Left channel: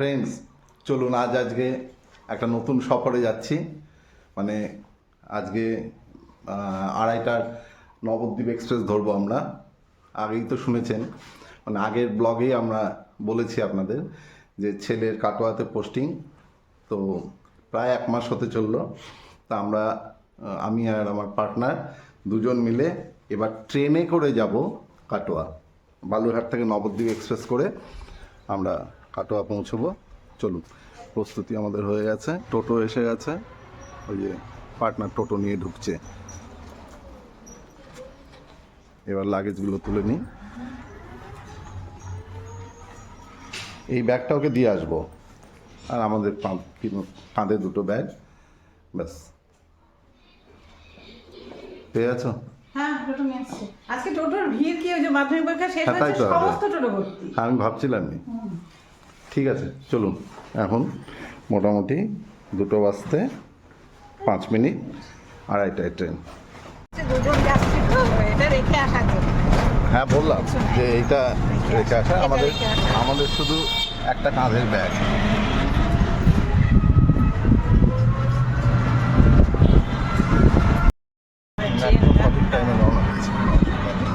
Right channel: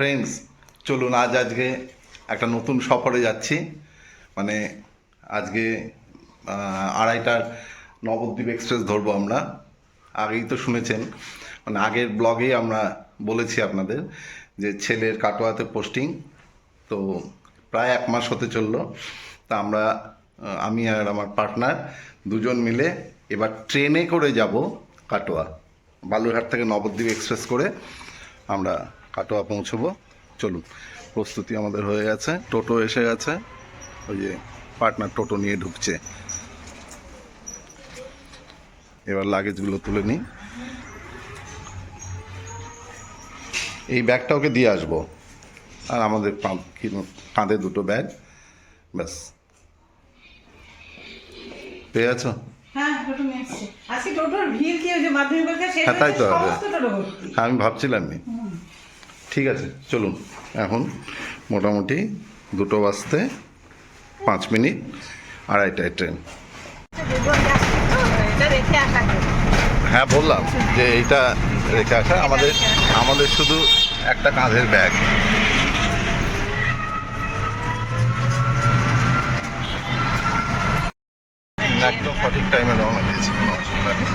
Friends চলুন আজ আজকে একটা নতুন সফরে যাচ্ছি। মানে আজকে আড়াইটার নবদ্বীপ এক্সপ্রেস ধরবো আমরা। আগেই তো শুনেছেন। মানে আগের ব্লগেই আমরা বলেছি আপনাদের যে ছেলের কাটোয়াতে পোস্টিং তো প্রায় এক মাস হতে চলল। তা আমরা আমি আর আমার পার্টনার দুজন মিলে এবার ট্রেনে করে যাব কাটোয়া, বালুরঘাট থেকে নবদ্বীপ এক্সপ্রেস করে আমরা কাটোয়া পৌঁছবো। চলুন প্রস্তুতি আমাদের হয়ে গেছে। টোটো এসে গেছে। ওই যে পার্টনার টোটো নিয়ে ঢুকছে। এবার লাগেজগুলো তুলে নিই। এই ব্যাগটা ওকে দিয়ে আসব। আর আমাদের কাঁধে দুটো ব্যাগ। ব্যাস। পেয়ে আছো হ্যাঁ হ্যাঁ, হ্যাঁ আমি ভাবছিলামই। ঠিক আছে, চলুন। এখন মোটামুটি দুটো বাজতে পাঁচ মিনিট, আড়াইটায় ট্রেন। হ্যাঁ বললাম যে এইটা রেখে আসা। আমাদের আমাদের শুধু একটা কাঁধের ব্যাগ একদম সঠিক টাইমে রওনা দিয়েছি কোনো অসুবিধা নেই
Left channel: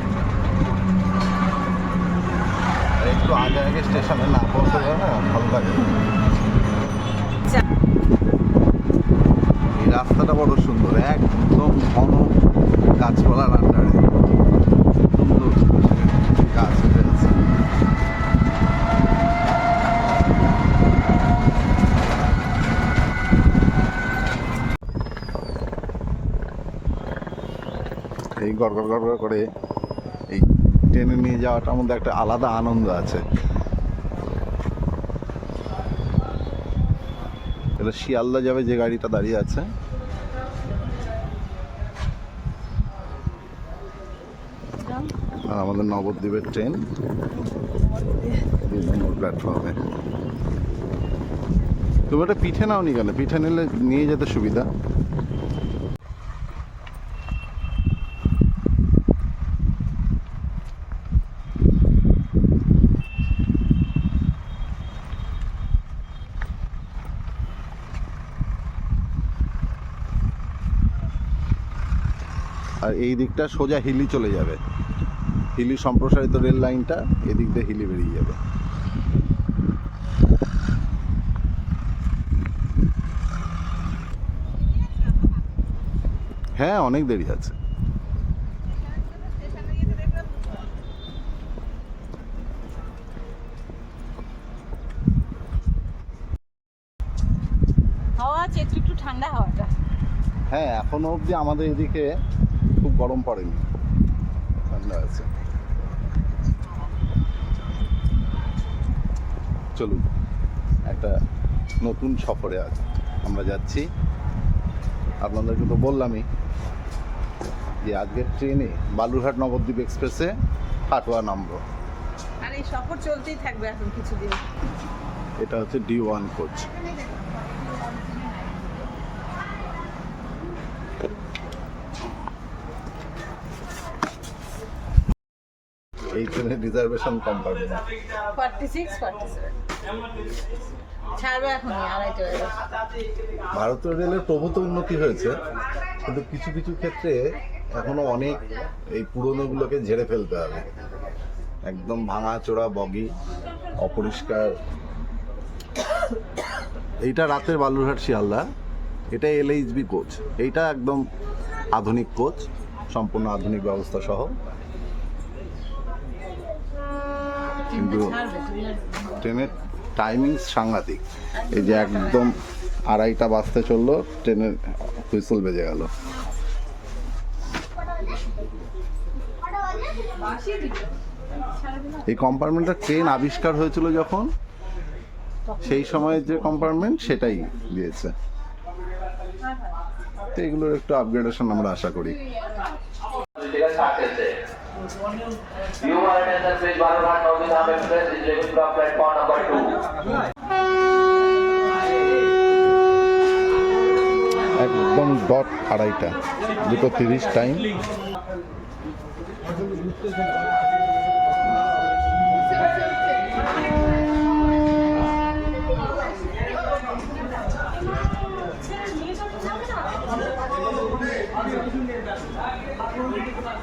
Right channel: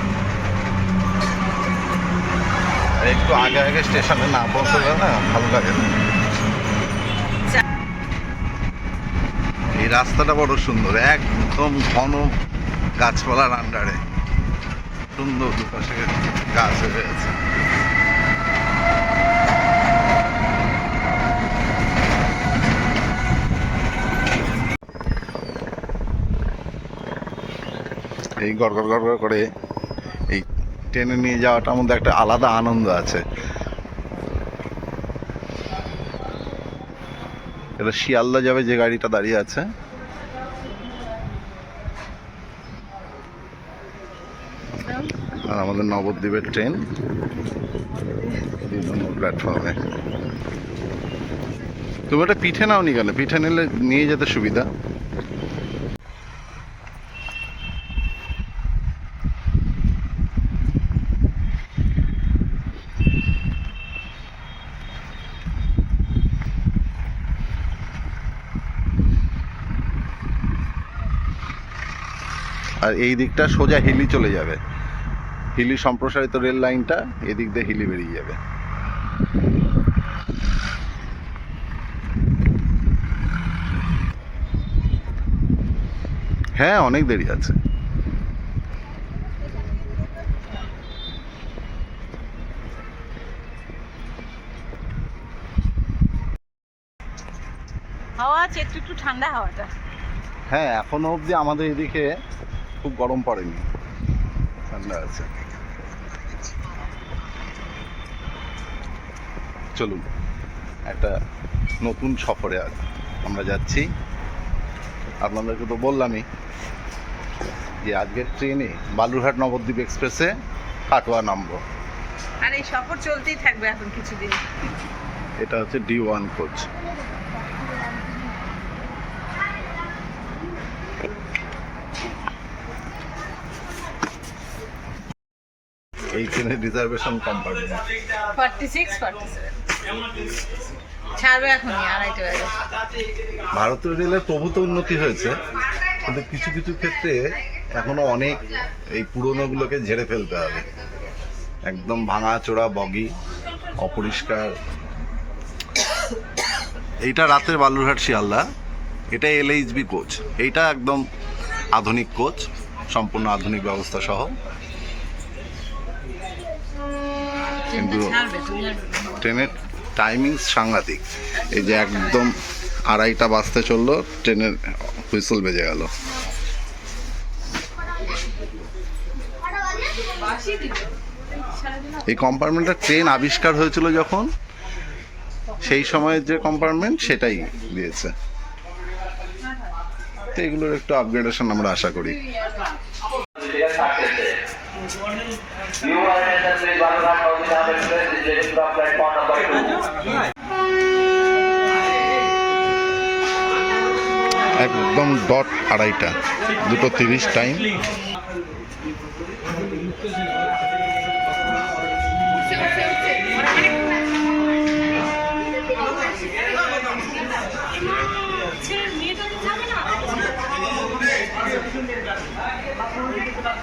আর একটু আগে আগে স্টেশনে না পৌঁছলে না ভালো লাগে। এই রাস্তাটা বড় সুন্দর, একদম ঘন গাছপালার আন্ডারে। সুন্দর গাছ হয়েছে এই গড় গড় গড় করে ট্রেনে নিয়ে যাওয়াটার মধ্যে একটা আলাদা আনন্দ আছে। এটা শিয়ালদা যাবে যে গাড়িটা দাঁড়িয়ে আছে। আর আমাদের নবদ্বীপের ট্রেন। প্ল্যাটফর্মে। তুমি ওটা পিঠে নাও নি কেন? পিঠে নিলে নিয়ে যেতে সুবিধা। এই দিকটা সোজা হিলি চলে যাবে। হিলি সম্প্রসারিত রেল লাইনটা এদিক দিয়ে হিলি বেরিয়ে যাবে। হ্যাঁ অনেক দেরি আছে। হাওয়া আছে একটু একটু ঠান্ডা হাওয়াটা। হ্যাঁ এখনও অবধি আমাদের এদিকে খুব গরম পড়েনি। ঠান্ডা আছে। চলুন একটা নতুন সফরে আজ আমরা যাচ্ছি। আপনাদেরকে তো বললামই যে আজকের ট্রেনে বালুরহাট নবদ্বীপ এক্সপ্রেসে কাটোয়া নামবো। আর এই সফর চলতেই থাকবে এখন কিছুদিন। এটা হচ্ছে ডি ওয়ান কোচ। এই ট্রেনের reservation compartment forty six forty seven ছাড়বে এখনই আড়াইটে বাজে ভারতীয় রেলের প্রভূত উন্নতি হয়েছে কিন্তু কিছু কিছু ক্ষেত্রে এখনও অনেক এই পুরনোগুলোকে ঝেড়ে ফেলতে হবে। একদম ভাঙা চোরা বগি অপরিষ্কার। এইটা রাতের বালুরঘাট শিয়ালদা। এটা এলএইচবি কোচ। এইটা একদম আধুনিক কোচ সম্পূর্ণ আধুনিক ব্যবস্থা সহ। কিন্তু ট্রেনের টাইমিং সাংঘাতিক। এই যে একদম আড়াইটা বাজতে চলল, ট্রেনের হুইসল বেজে গেল। এই কম্পার্টমেন্টটা ট্রেন আবিষ্কার হয়েছিল যখন, সেই সময়ের যে কম্পার্টমেন্ট সেটাই দিয়েছে। তো এগুলোর একটু আপগ্রেডেশন আমরা আশা করি। You are in assembly Balurat Bhavita Express is leaving from platform number 2. একদম ডট আড়াইটা দুটো তিরিশ টাইম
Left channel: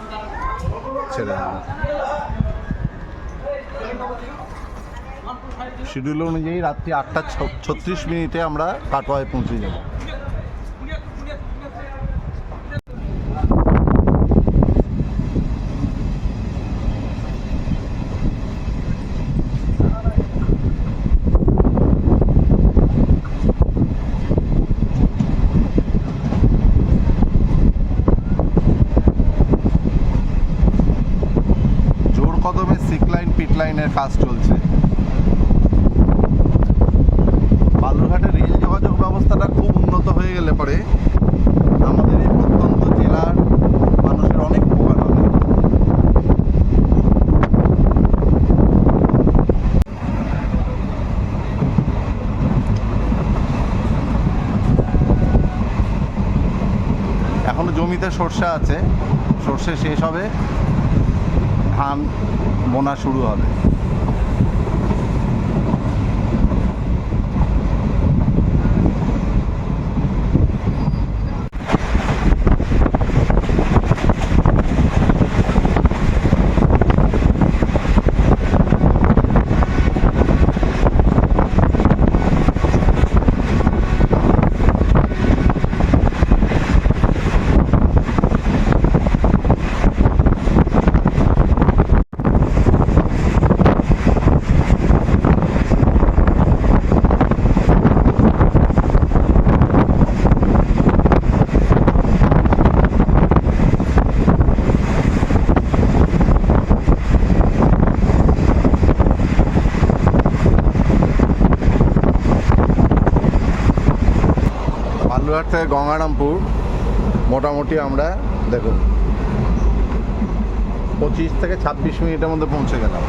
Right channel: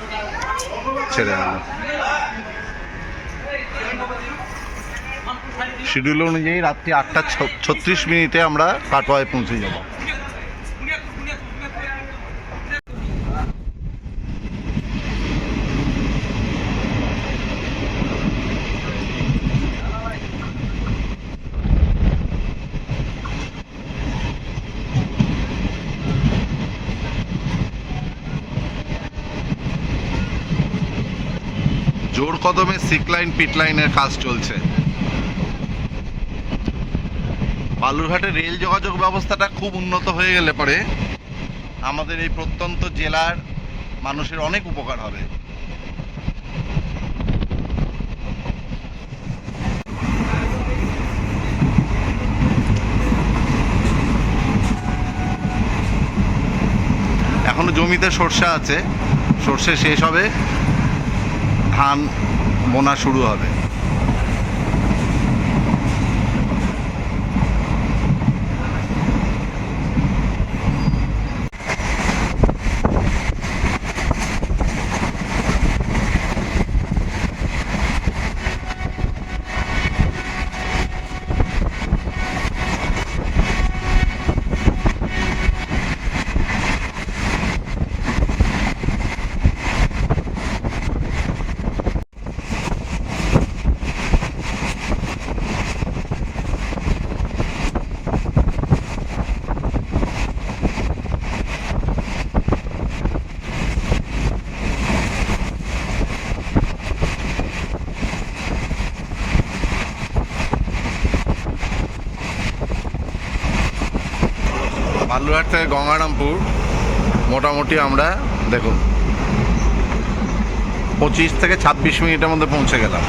Thank you. ছেড়ে হলো শিডিউল অনুযায়ী রাত্রি আটটা ছত্রিশ মিনিটে আমরা কাটোয়ায় পৌঁছে যাব। সিক লাইন পিট লাইনের কাজ চলছে। বালুরঘাটে রেল যোগাযোগ ব্যবস্থাটা খুব উন্নত হয়ে গেলে পরে আমাদের এই প্রত্যন্ত জেলার মানুষের অনেক উপকার হবে। এখনও জমিতে সর্ষে আছে, সর্ষে শেষ হবে। ধান বোনা শুরু হবে। বালুরঘাট থেকে গঙ্গারামপুর, মোটামুটি আমরা, দেখুন, পঁচিশ থেকে ছাব্বিশ মিনিটের মধ্যে পৌঁছে গেলাম।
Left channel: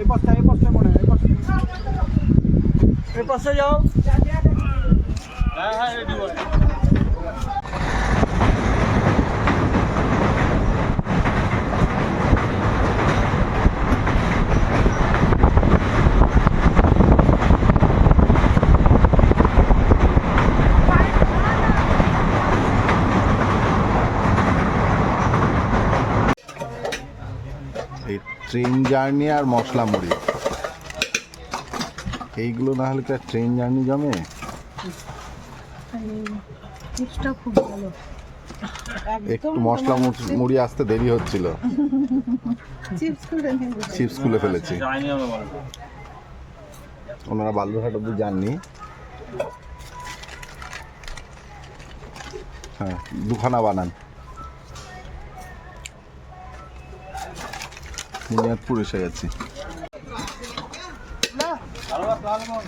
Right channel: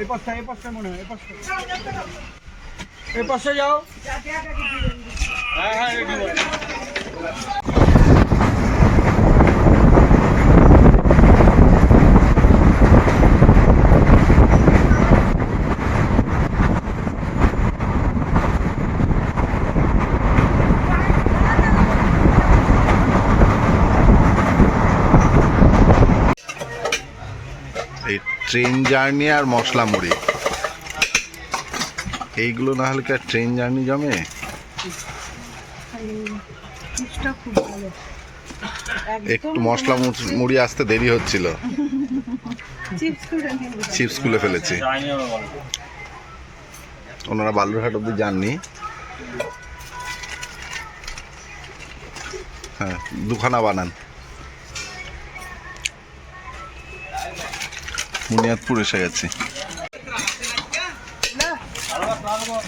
এই পাশটা এই পাশটা মনে হয়, এই এই পাশে যাও। হ্যাঁ হ্যাঁ রেডি ট্রেন জার্নি আর মশলা মুড়ি এইগুলো না হলে কি ট্রেন জার্নি জমে? একটু মশলা মুচ- মুড়ি আসতে দেরি হচ্ছিল। চিপস খুলে ফেলেছি। ওনারা বালুরঘাট অব্দি যাননি। হ্যাঁ দুখানা বানান। বুনিয়াদপুর এসে গেছি। Alalım onu.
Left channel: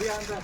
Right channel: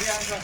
Bir anda.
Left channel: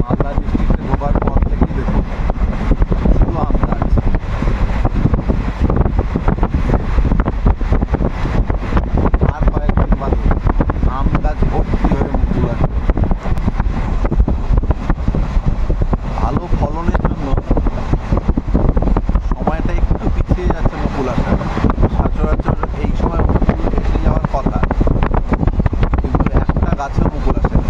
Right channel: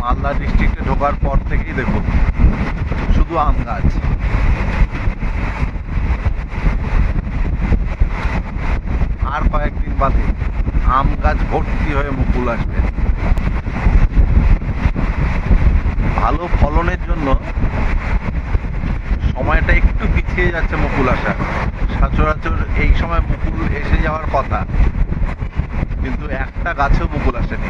Malda ডিস্ট্রিক্টে ঢোকার পর থেকেই দেখুন শুধু আম গাছ। আর কয়েকদিন বাদে আম গাছ ভর্তি হয়ে মুকুল আসবে। ভালো ফলনের জন্য সময়টা একটু পিছিয়ে যাচ্ছে মুকুল আসার। সচরাচর এই সময় মুকুল এসে যাওয়ার কথা। গাছেও মুকুল আসেনি।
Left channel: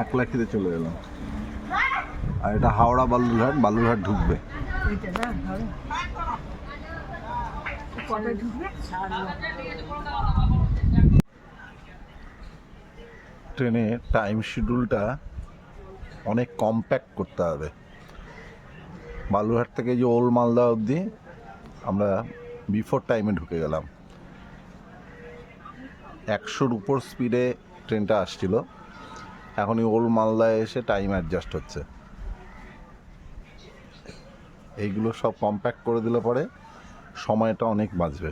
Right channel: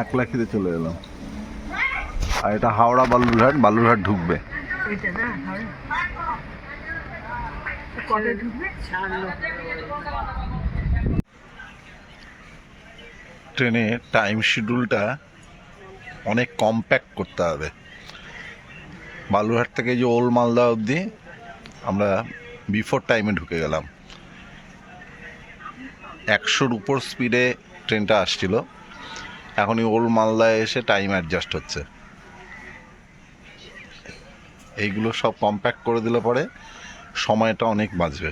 এক লাখিতে চলে এলাম। আর এটা হাওড়া বালুরঘাট বালুরঘাট ঢুকবে। এটা না কবে ঢুকবে? ট্রেনে টাইম শিডিউলটা অনেক কম্প্যাক্ট করতে হবে। বালুরহাট থেকে যে ওল্ড মালদা অবধি আমরা বিফোর টাইমে ঢুকে গেলাম। একশোর উপর স্পিডে ট্রেনটা আসছিল। এখন এই ওল্ড মালদায় এসে টাইম অ্যাডজাস্ট হচ্ছে। এইগুলো সব কম্প্যাক্ট করে দিলে পরে সময়টা অনেক বাঁচবে।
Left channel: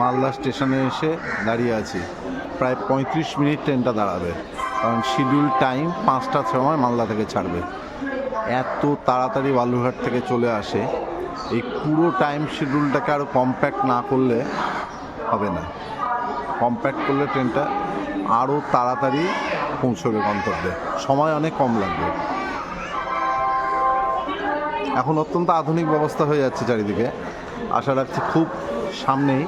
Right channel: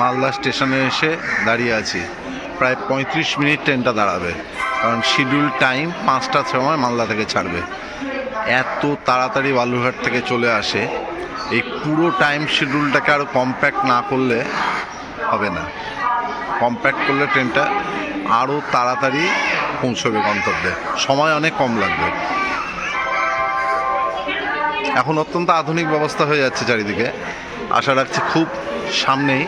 মালদা স্টেশনে এসে দাঁড়িয়ে আছি। প্রায় পঁয়ত্রিশ মিনিট ট্রেনটা দাঁড়াবে। কারণ শিডিউল টাইম পাঁচটার সময় মালদা থেকে ছাড়বে। এত তাড়াতাড়ি বালুরঘাট থেকে চলে আসে, এই পুরো টাইম শিডিউলটাকে আরও কম্প্যাক্ট না করলে হবে না। কম্প্যাক্ট করলে ট্রেনটা আরও তাড়াতাড়ি পৌঁছবে গন্তব্যে। সময় অনেক কম লাগবে। এখন অত্যন্ত আধুনিক ব্যবস্থা হয়ে যাচ্ছে চারিদিকে। আশা রাখছি খুব সামনেই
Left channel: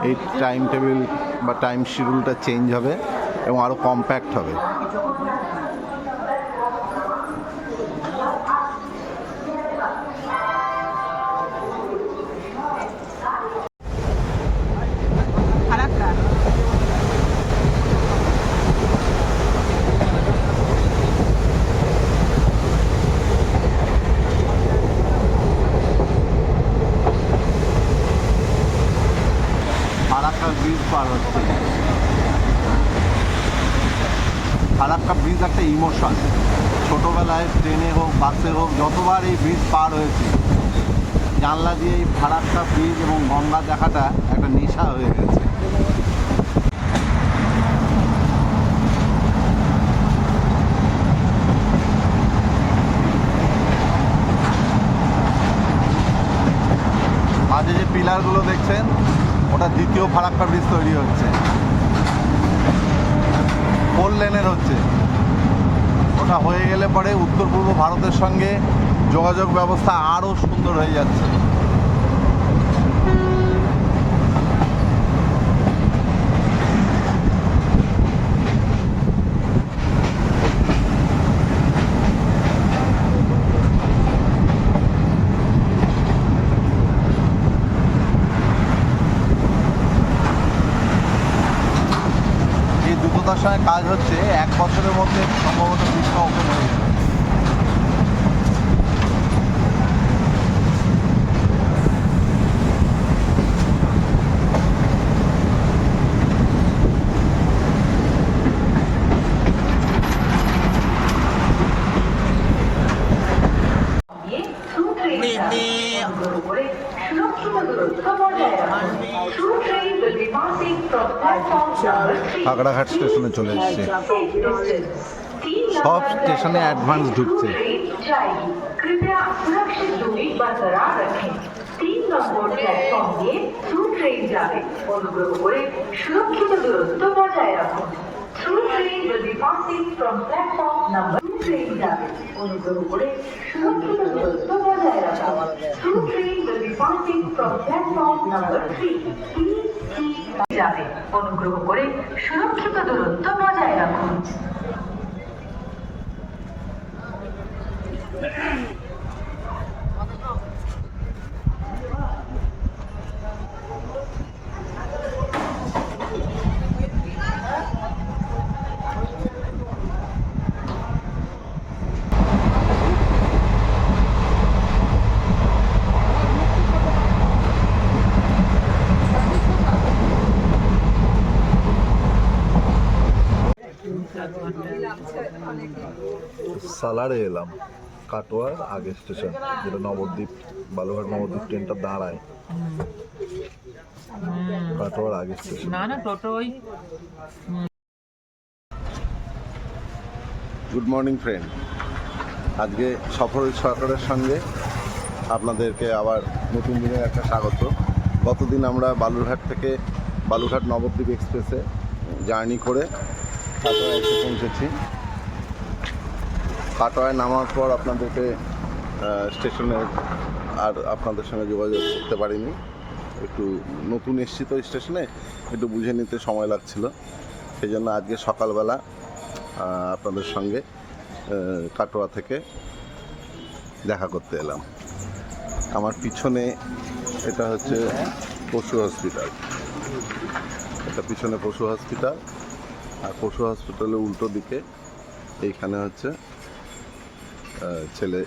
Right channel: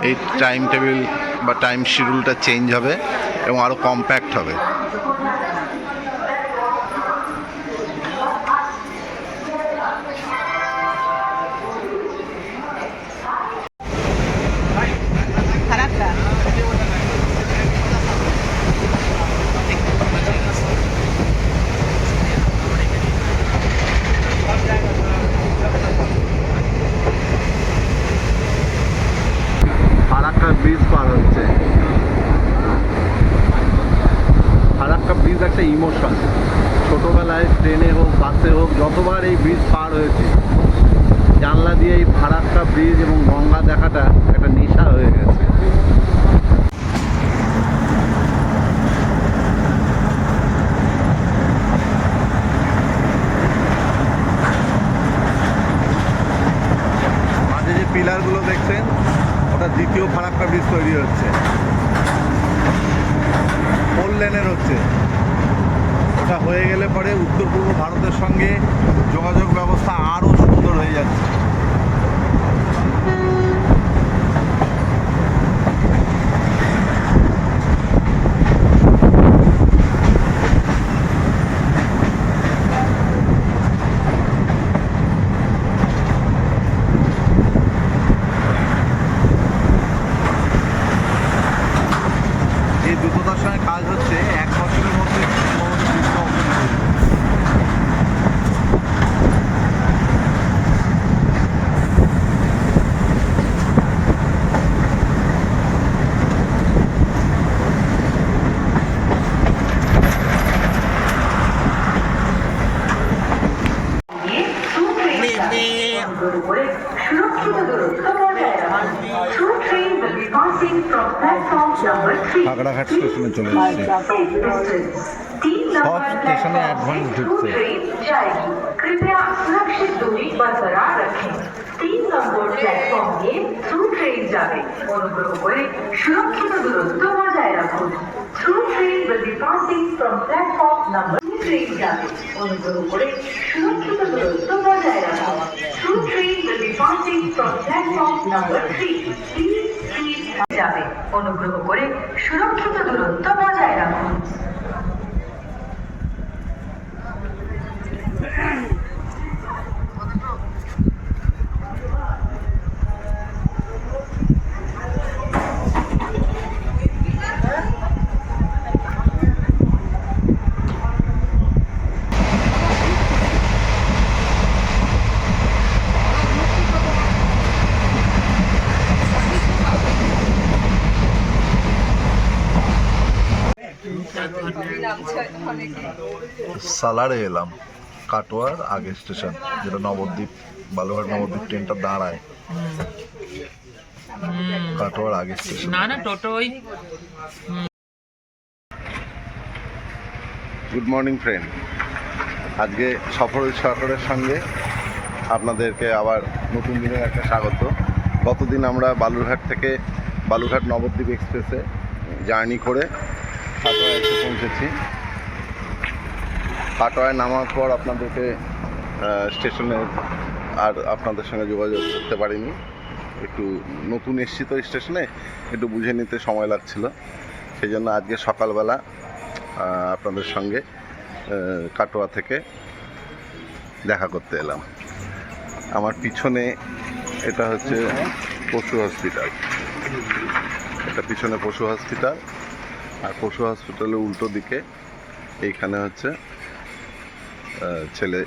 এই টাইম টেবিল বা টাইম শিডিউলটা চেঞ্জ হবে এবং আরও কম্প্যাক্ট হবে খারাপটা ফারাক্কা ব্রিজ পার হচ্ছে। ফারাক্কা ব্রিজ একটা ইমোশন ছোটোবেলায় ট্রেনে হোক, বাসে হোক, যতবার এই ব্রিজ পার হয়েছে, জানলা দিয়ে এই ফারাক্কা ব্রিজ এবং গঙ্গা দেখাটা একটা নেশা হয়ে গেছে। মাঝে যে পিলারগুলো দেখছেন দ্বিতীয় ফারাক্কা ব্রিজ তৈরি হচ্ছে। ফোর লেনের হচ্ছে? ওটা হয়ে গেলে পরে উত্তর পূর্ব ভারতের সঙ্গে যোগাযোগ ব্যবস্থা আরও সুন্দর হয়ে যাচ্ছে এই দ্রুততার সঙ্গে কাজ হচ্ছে এক বছরের মধ্যে সম্ভবত ব্রিজটা ওপেন হয়ে যাবে কাকড়াঘাট স্টেশনে চলে এসছে। সব স্টেশনে অ্যাডভান্স ঢুকছে। তিন অনুগ্রহ করে সুরক্ষিত দূরত্ব বজায় রাখুন। যাবে। অনুগ্রহ করে সুরক্ষিত দূরত্ব বজায় রাখুন। সালারে এলাম কাটোয়ার আগে স্টেশন যেটা নবদ্বীপ বালুঘাট নবদ্বীপ ট্রেনটা দাঁড়ায়। কাটোয়ার আগে স্টেশন। না না টোটো ওই গুড মর্নিং ফ্রেন্ড আজকে সফর সরকারের সঙ্গে আপনাদেরকে আবার নতুন দিনের একটা স্বাগত। গতদিন আমরা বালুরঘাট থেকে বালুরঘাট নবদ্বীপ এক্সপ্রেসে জার্নি করে কাটোয়া এসে পৌঁছেছি। কাটোয়ায় নামার পর আপনাদেরকে স্টেশনে আর আপনাদের সঙ্গে যোগাযোগ করতে পারিনি। একটু নতুন এসছি তো স্টেশনে, একটু বুঝে নিতে সময় লাগছিল। সেই জন্য আজকে সকালবেলা আপনাদের সঙ্গে কাটোয়া থেকে দেখা করতে এলাম। আমার পিছনে এটা হচ্ছে পশু হসপিটাল। এটা পিছনে পশু হসপিটাল, আর পশু হসপিটালের উল্টো দিকে এইখানে হচ্ছে ছেলে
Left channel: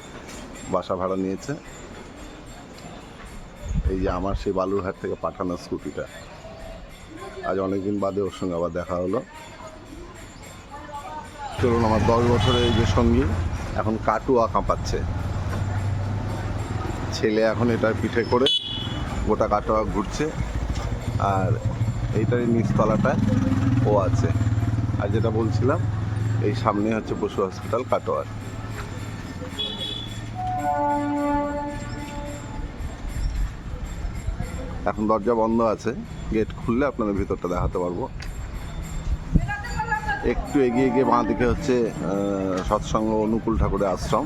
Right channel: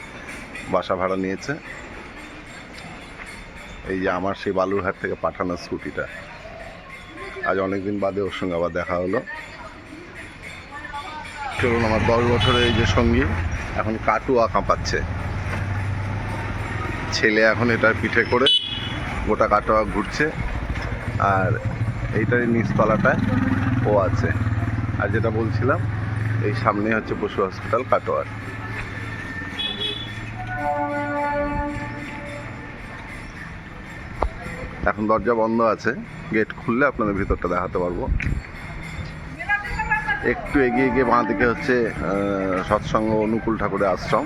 বাসা ভাড়া নিয়েছে। এই যে আমার সেই বালুরঘাট থেকে পাঠানো স্কুটিটা। আজ অনেকদিন বাদে ওর সঙ্গে আবার দেখা হলো। চলুন আমার দশ বছরের এই যে সঙ্গী, এখন কাটুয়া কাঁপাচ্ছে। ছেলে এখন এটার পিঠে করে গোটা কাটোয়া ঘুরছে। আর এইটারই নিচতলাটায় ও আছে। আর যেটা বলছিলাম, এই সামনে হচ্ছে পশু হসপিটাল কাটোয়ার। এখন দরজা বন্ধ আছে। গেট খুললে আপনাদের ভিতরটা দেখাতে পারব। একটু এগিয়ে গিয়ে বাঁ দিকে হচ্ছে সৎসঙ্গ অনুকূল ঠাকুরের আশ্রম।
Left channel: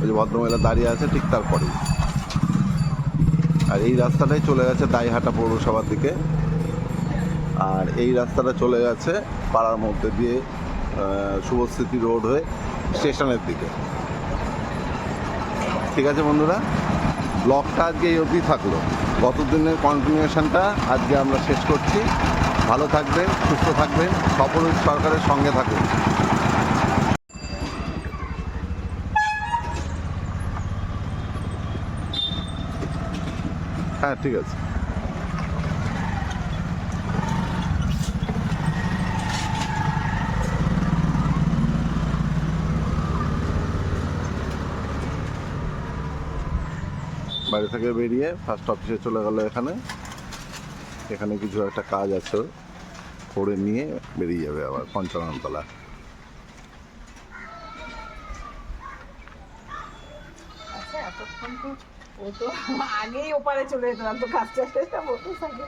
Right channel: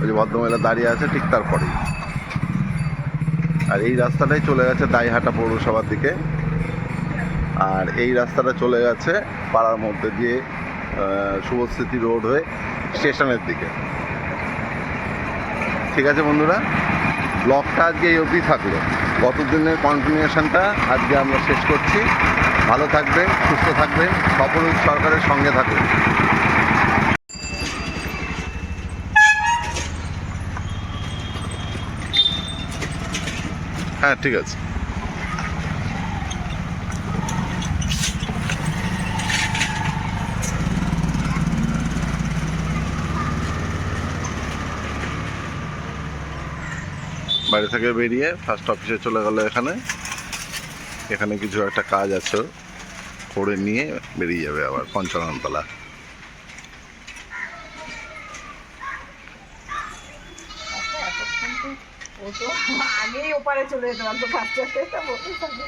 ওই যে ভদ্রমহিলা দাঁড়িয়ে আছে ঠিক তারপরেই আর এই রাস্তাটাই চলে গেছে দাইহাটা পৌরসভার দিকে। আর এই রাস্তাটা চলে গেছে পাড়ার মধ্যে দিয়ে আহ, শুভস্মৃতি রোড হয়ে স্টেশনের দিকে। ঠিক আছে বন্ধুরা? ব্লগটা আজকে এই অবধি থাকল। গত দিনের কন্টিনিউশনটা আজকে আমরা শেষ করছি। ভালো থাকবেন, সুস্থ থাকবেন সফল সরকারের সঙ্গে থাকুন। হ্যাঁ ঠিক আছে। বাড়ি থেকে বেরিয়ে ফার্স্ট অফিসে চলে গেল এখানে এখানে কিছু একটা কাজ আছে। করে নিয়ে বেরিয়ে যাবে আবার পঞ্চাননতলা আচ্ছা আগেই ওপারে চলে যেতে পারতো বলতে থাকে